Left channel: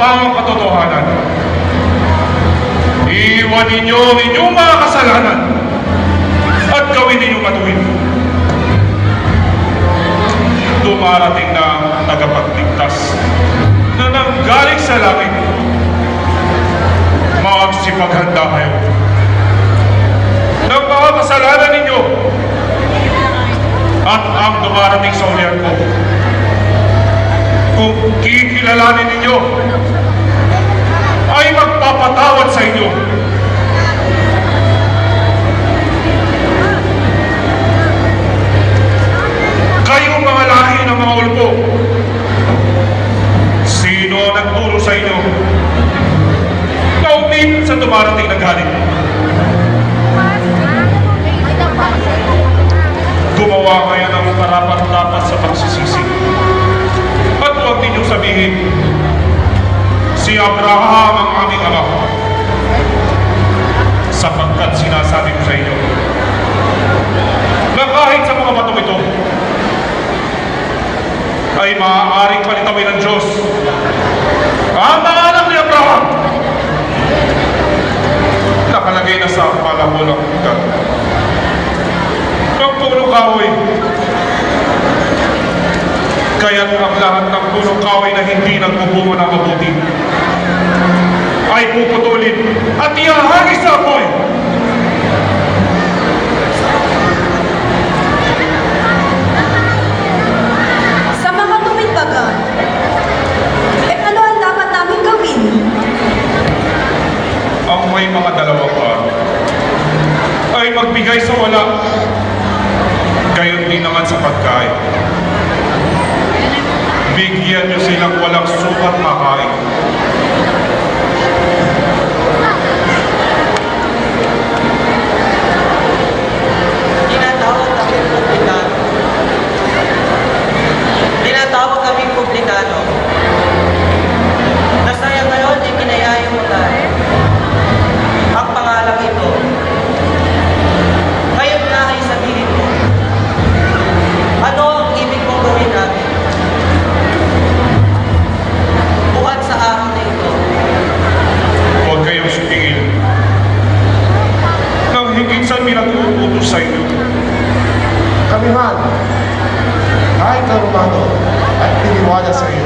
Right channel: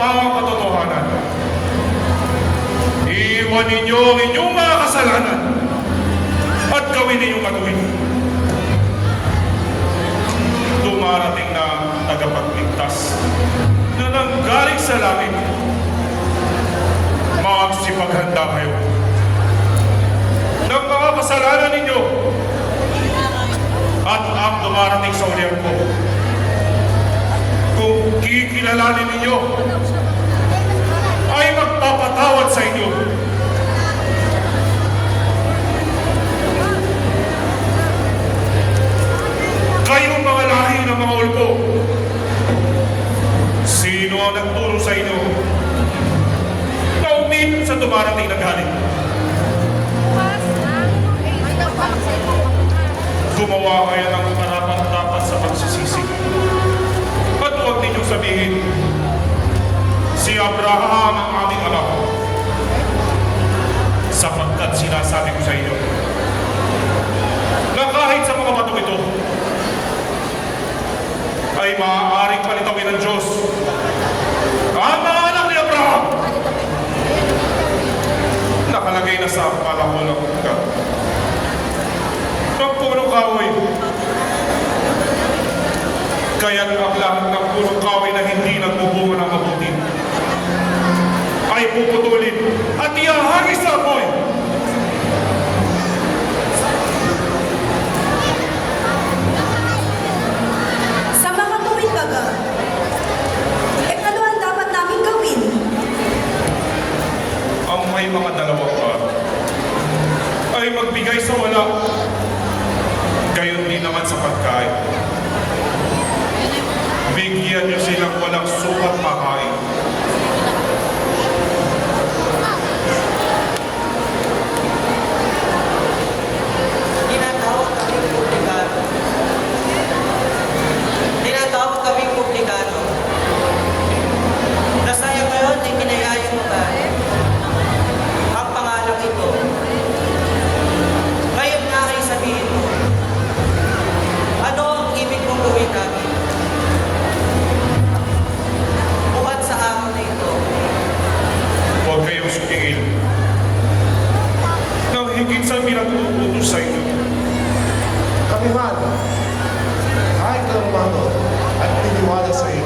pawang katotohanan. Iwan ninyo ang inyong mga kasalanan at gawin ninyong matuwid. Dumarating na ang tagapagligtas na nanggaling sa langit. Magsipaghanda kayo ng mga kasalanan ninyo at ang dumarating sa ulian ko. Kung kikilalanin ninyo, ay magpapatawad sa inyo. Kayong mga lahi ng mga ulpo, sino ang nagturo sa inyo na umit sa dumarating na galit? Gumawa kayo ng karapat-dapat sa pagsisisi. At huwag ninyong sabihin, si Abraham ang aming ama, sapagkat sinasabi ko sa inyo na kahit sa mga batong ito ay maaaring palitawin ng Diyos ang mga anak ni Abraham. Nakalagay na sa palabo ng ugat ng punong kahoy. Kaya't ang lahat ng punong kahoy na hindi nagbubunga ng mabuti ay puputulin at ihahagis sa apoy. Sa mga tuwid baga, ano ang dapat namin gawin? Ang may mga dalawang araw ay magbigay sa wala, gayon din naman sa pagkain. Bigyan niyo silang walang sukat makain. Tinatawag kaming publikano. Nasaya ngayon ay kinayayutan ang pangalang ito. Ngayon na ay sabihin ko, ano ang ibig mong gawin natin? Buhat sa araw na ito. Huwag kayong sumingil nang higit sa pinag-uutos sa inyo. Kami man, kahit na Romano at tiniwala sa iyo,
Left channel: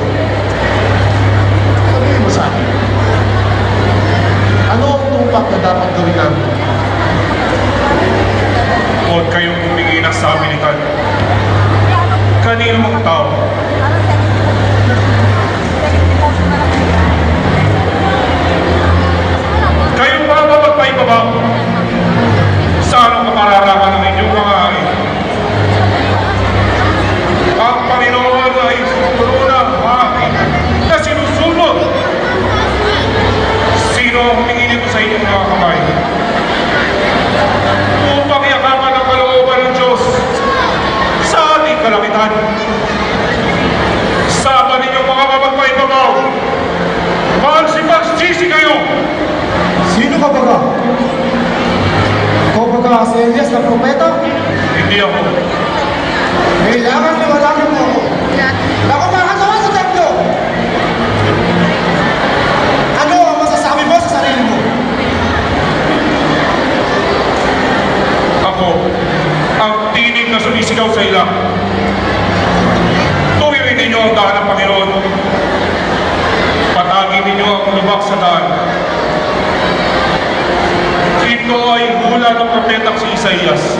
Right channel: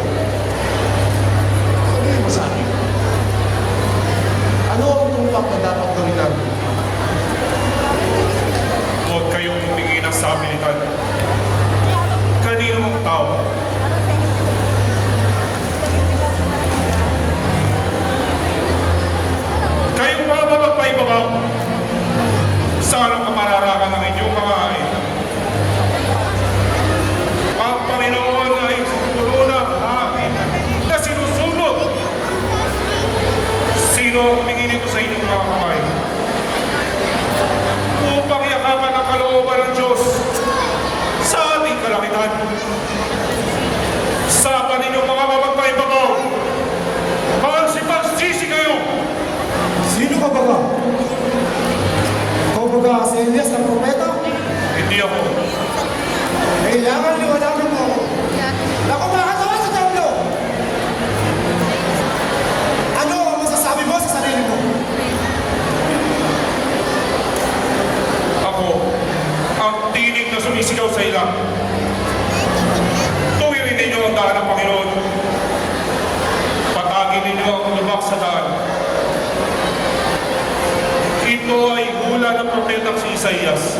sabihin mo sa akin, ano ang tumpak na dapat gawin namin? Huwag kayong humingi ng sabilitan. Kanino mga tao? Kayong mga mapagpaibabaw sa anong kamararaman ng inyong mga ay ang Panginoon ay puno ng hangin na sinusunod. Sino ang humingi nito sa inyong mga kamay? Upang yakapan ang kalooban ng Diyos sa ating kalangitan. Sama ninyo mga mapagpaibabaw, magsipagsisi kayo. Sino ka baga? Ikaw baga si Elias na propeta? Hindi ako. Kailangan liwanagan mo ako. Ako makakawin sa templo! Ano ang masasabi mo sa sarili mo? Ako, ang tinig na sumisigaw sa ilang. Tuwirin ninyo ang daan ng Panginoon. Patagin ninyo ang lubak sa daan. Ito ay hula ng propetang si Isaías.